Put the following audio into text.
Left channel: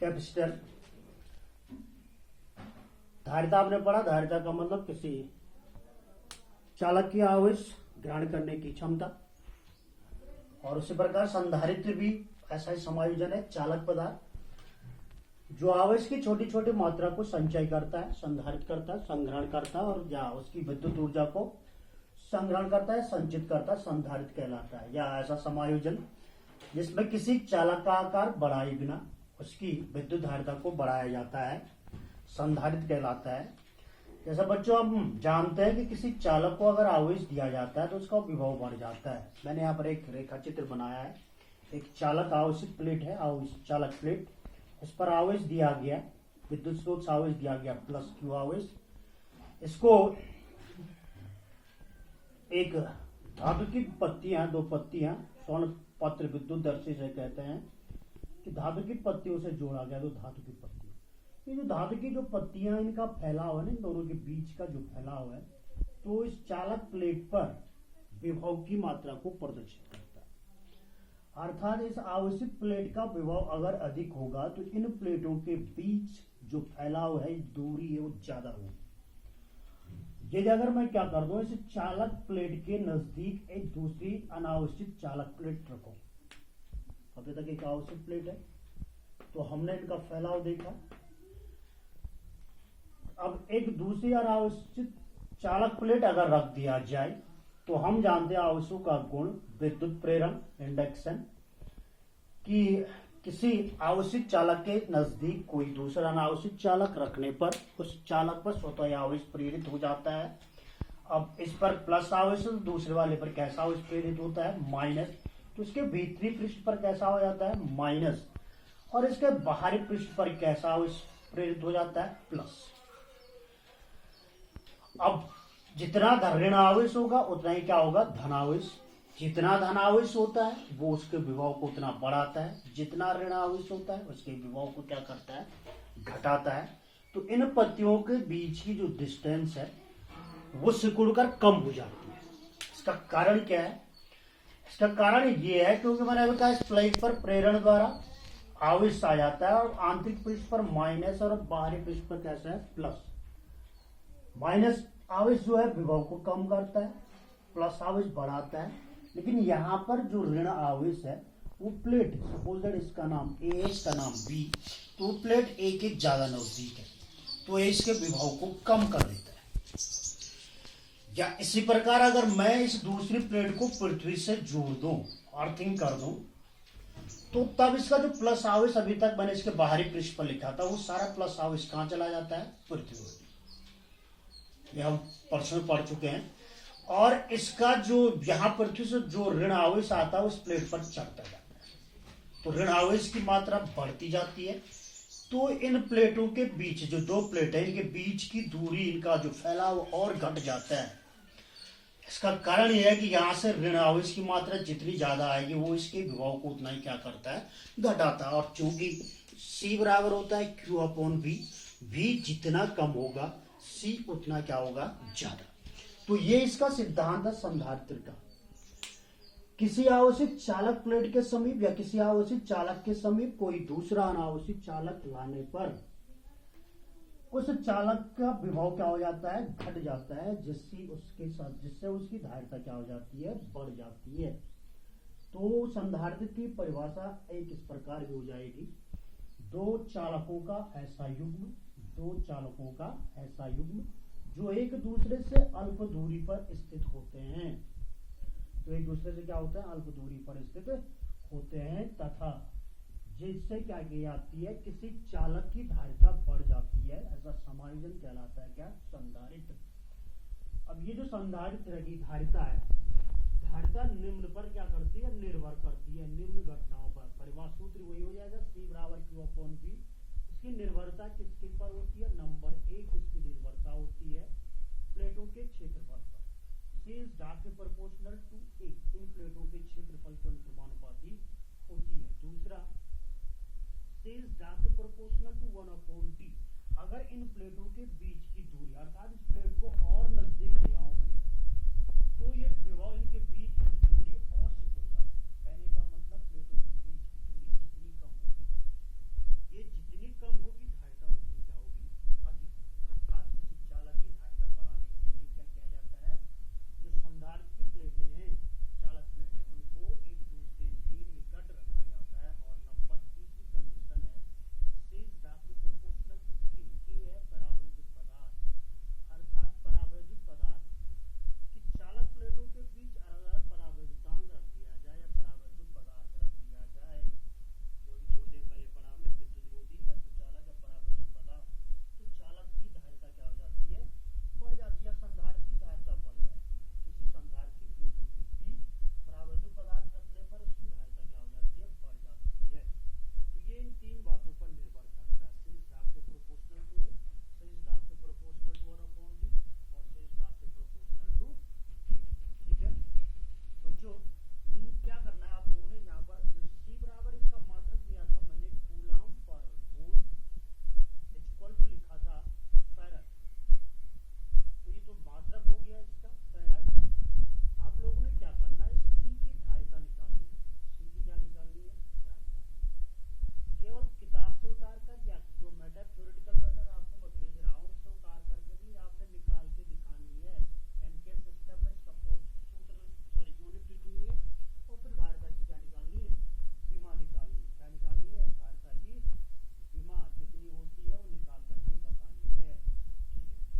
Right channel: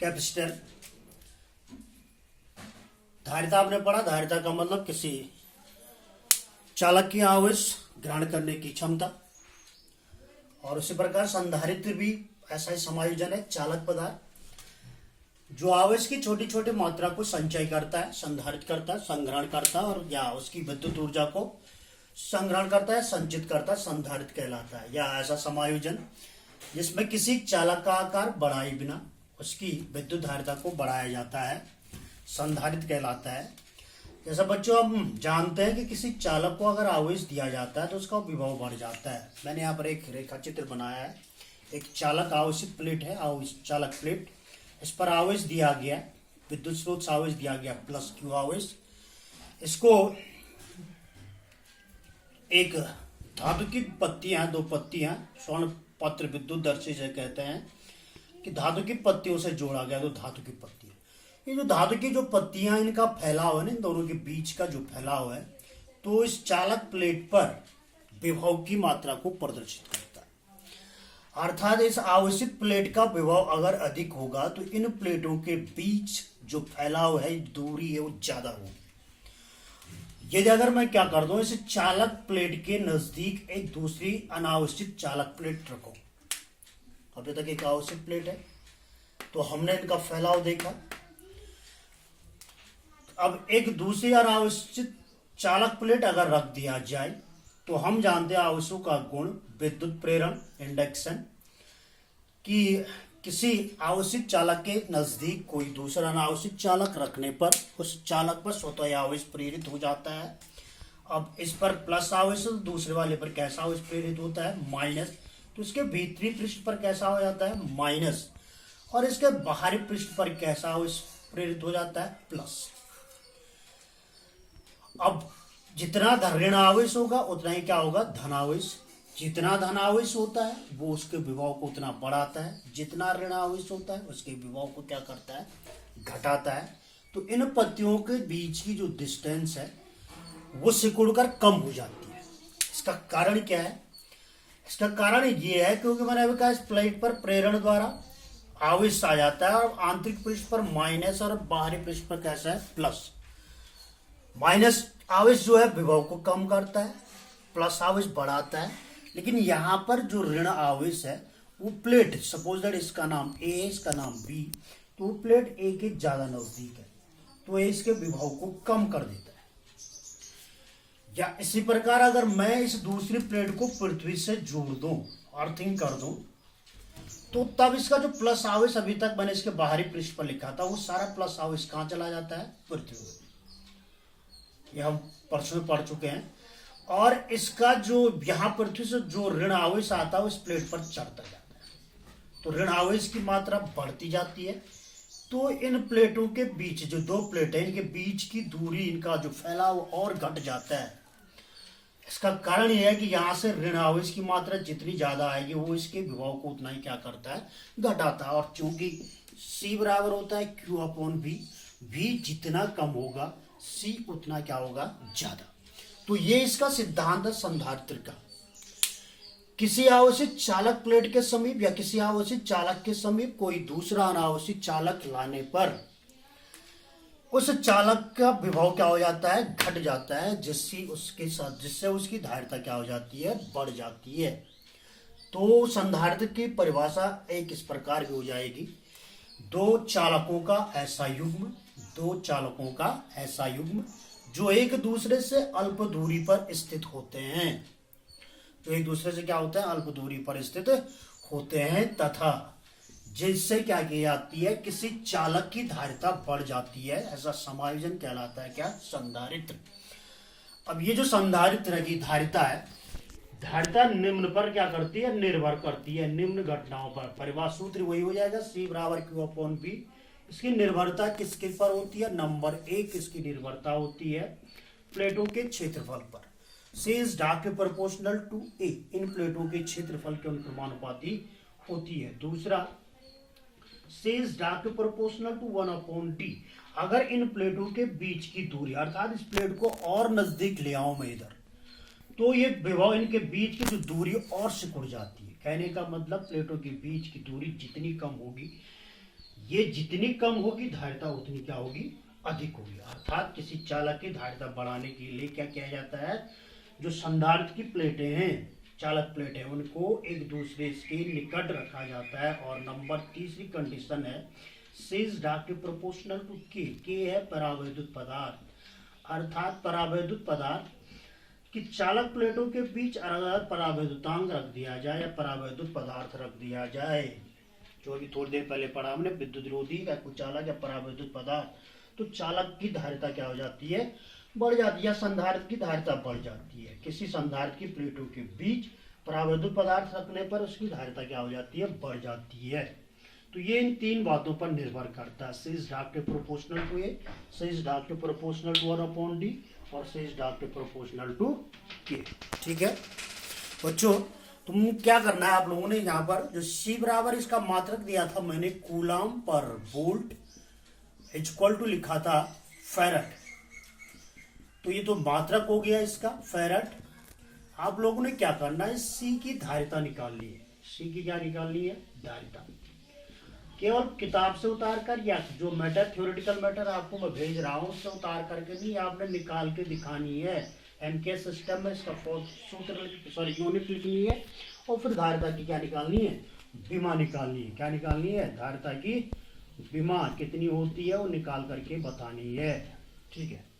Capacitor. धारिता आपने पढ़ा, धारिता का मतलब किसी चालक की आवेश ग्रहण करने की क्षमता। और उसी प्रकार संधारित्र भी ऐसा ही समायोजन है, चालक पदार्थ जो आवेश की छोटी छोटी मात्रा को संचय करता है, संधारित करता है, संग्रहण करता है और या उसकी विद्युत ऊर्जा को संग्रहण करता है, संचित करता है, संधारित कहलाता है। या ऐसा समायोजन जिसमें किसी चालक का आकार बढ़ाए बिना उसकी विद्युत धारिता को बढ़ाया जाता है, संधारित कहलाता है। जैसा बच्चों हम जानते हैं कि किसी चालक को अगर आवेश दिया जाता है तो उसका विभव बढ़ जाता है। मैंने यहाँ पर एक रेखा चित्र बनाया है। एक चालक आवेशित प्लेट है, चालक प्लेट, इस पर आवेश दिया गया, विद्युत स्रोत से आवेश दिया गया प्लस क्यू आवेश। इसको एक धातु की पत्तियां, दो पत्तियां, स्वर्ण पत्र विद्युत दर्शी से कहते हैं कि धातु की पत्तियों से जोड़ा गया। तो धातु की पत्तियां, ये जो धातु की जो पत्तियां, इनका फैलाव है ना, इन दोनों के बीच का जो फैलाव है, तो इस चालक प्लेट पर विभव की मात्रा को प्रदर्शित करता है। अर्थात इस आवेशित प्लेट का विभव अगर अधिक होगा तो इन प्लेटों के बीच जो फैलाव है, दूरी है, वो ज्यादा होगी। यदि अगर मैं क्या कर दूं, इस चालक प्लेट के नजदीक एक दूसरी अनावश्यक चालक प्लेट रखो। अभी तक एक आवश्यक प्लेट है तो हमने इनका फैलाव देखा। अब एक दूसरी अनावश्यक चालक प्लेट अगर रख दिया जाए तो हम जानते हैं आवेशों का गुण, विद्युत प्रेरण, इंडक्शन, कि किसी आवश्यक चालक के नजदीक कोई दूसरा अनावश्यक चालक रखने पर उस चालक पर स्वतः आवेश प्रेरित हो जाता है। अब इस पर प्लस आवेश, दूसरे वाले पर कैसा आवेश प्रेरित होता है, माइनस। तो इसके भीतरी पृष्ठ पर कैसा हो जाता है, माइनस, और इसके बाहरी पृष्ठ पर कैसा आवेश प्रेरित हो जाता है, प्लस। अब जितना ऋण आवेश होगा उतना ही क्या होगा, धनावेश। जितना धनावेश होता है वो उसके विभव को उतना बढ़ाता है, जितना ऋण आवेश होता है उसके विभव को क्या करता है, घटाता है। तो इन पत्तियों के बीच की जो डिस्टेंस है वो सिकुड़कर कम हो जाती है। इसका कारण क्या है? इसका कारण ये है क्योंकि मैंने अभी कहा इस प्लेट पर प्रेरण द्वारा आवेश आ जाता है और आंतरिक पृष्ठ पर माइनस और बाहरी पृष्ठ पर कैसा है, प्लस। माइनस आवेश जो है विभव को कम करता है, प्लस आवेश बढ़ाता है। लेकिन यहाँ पर जो ऋण आवेश है वो प्लेट, सपोज दैट इसका नाम ए है, इसका नाम बी, तो प्लेट ए के ज्यादा नजदीक है तो ए इसके विभव को कम कर देता है। या इसी प्रकार अगर मैं इस दूसरी प्लेट को पृथ्वी से जोड़ दूं, अर्थिंग कर दूं, तो तब इसका जो प्लस आवेश अभी तक मैंने इसके बाहरी पृष्ठ पर लिखा था वो सारा प्लस आवेश कहां चला जाता है, पृथ्वी। ये हम परसों में पढ़ चुके हैं। और इसका जो यहां पृथ्वी से जो ऋण आवेश आता है उस प्लेट पर चढ़ता जाता है, तो ऋण आवेश की मात्रा बढ़ती जाती है। तो इन प्लेटों के बीच जो दो प्लेट है, इनके बीच की दूरी, इनका जो फैलाव और घट जाता है। इसका कारण यह है कि यहां से ऋण आवेश की मात्रा जितनी ज्यादा आएगी वो इसके विभव को उतना ही क्या करता है, घटाता है। और चूंकि C बराबर होता है Q/V, V जितना कम होगा C उतना क्या होगा, ज्यादा। तो ये इसका सिद्धांत है संधारित्र का। किसी अनावश्यक चालक प्लेट के समीप या किसी अनावश्यक चालक के समीप कोई दूसरा अनावश्यक चालक लाने पर उस चालक का विभव क्या हो जाता है, घट जाता है, जिससे उसकी धारिता क्या हो जाती है, बढ़ जाती है। तो संधारित्र की परिभाषा एक इस प्रकार की हो जाएगी, दो चालकों का ऐसा युग्म, दो चालकों का ऐसा युग्म जो एक दूसरे से अल्प दूरी पर स्थित होते हैं, जो एक दूसरे से क्या होते हैं, अल्प दूरी पर स्थित होते हैं, तथा जिससे क्या की जाती है, किसी चालक की धारिता बढ़ जाती है। ऐसा समायोजन कहलाता है क्या, संधारित्र। अब ये जो संधारित्र की धारिता है, धारिता निम्न पर क्या करती है, निर्भर करती है, निम्न घटनाओं पर। परिभाषा सूत्र वही हो जाएगा, C बराबर Q/V। इसकी निर्भरता किसके पर होती है, नंबर 1 इसकी निर्भरता होती है प्लेटों के क्षेत्रफल पर। C is directly proportional to A, इन प्लेटों के क्षेत्रफल के अनुपाती होती है। दूसरा, C is directly proportional to 1/D, अगर इन प्लेटों के बीच की दूरी, अर्थात इस प्लेट को और नजदीक ले आऊं मैं इधर, तो ये विभव, इनके बीच की जो दूरी और सिकुड़ जाती है। कहने का मतलब प्लेटों के बीच की दूरी जितनी कम होगी, ये जितनी कम होगी धारिता उतनी क्या होगी, अधिक होगी। अर्थात किसी चालक की धारिता बढ़ाने के लिए क्या किया जाता है, जो संधारित्र की प्लेटें हैं, चालक प्लेट है, उनको एक दूसरे के निकट रखा जाता है। और नंबर तीसरी कंडीशन है C is directly proportional to K। K है परावैद्युत पदार्थ, अर्थात परावैद्युत पदार्थ की चालक प्लेटों के बीच अलग परावैद्युतांक रख दिया जाए या परावैद्युत पदार्थ रख दिया जाए, जो अभी थोड़ी देर पहले पढ़ा हमने, विद्युत रोधी या कुचालक या परावैद्युत पदार्थ, तो चालक की धारिता क्या हो जाती है, बढ़ जाती है, या संधारित्र की धारिता बढ़ जाती है। किसी संधारित्र की प्लेटों के बीच परावैद्युत पदार्थ रखने पर उसकी धारिता क्या हो जाती है, बढ़ जाती है। तो ये इन तीन बातों पर निर्भर करता है। C is directly proportional to A, C is directly proportional to 1/D और C is directly proportional to K। ठीक है बच्चों, तुम क्या करना है आप लोगों ने, यहाँ पर जो C बराबर इसका मात्रक दिया था मैंने, coulomb per volt equal to लिखा था फैरड, तो ये तो मात्रक हो गया इसका फैरड। आप लोगों ने क्या करना है, C की धारिता निकालनी है। C की क्या निकालनी है, धारिता। केवल किताब से उतार कर या जो मैटर थ्योरेटिकल मैटर आपको मैं भेज रहा हूँ उससे उतार करके नहीं, आपने निकाल के दिखानी है। एमके सिस्टम में इसका सूत्र यूनिट लिखनी है और फिर धारिता की क्या निकालनी है, विमा निकालनी है। क्या निकालनी है, धारिता की विमा कितनी होती है वो निकाल करके बतानी है। ठीक है।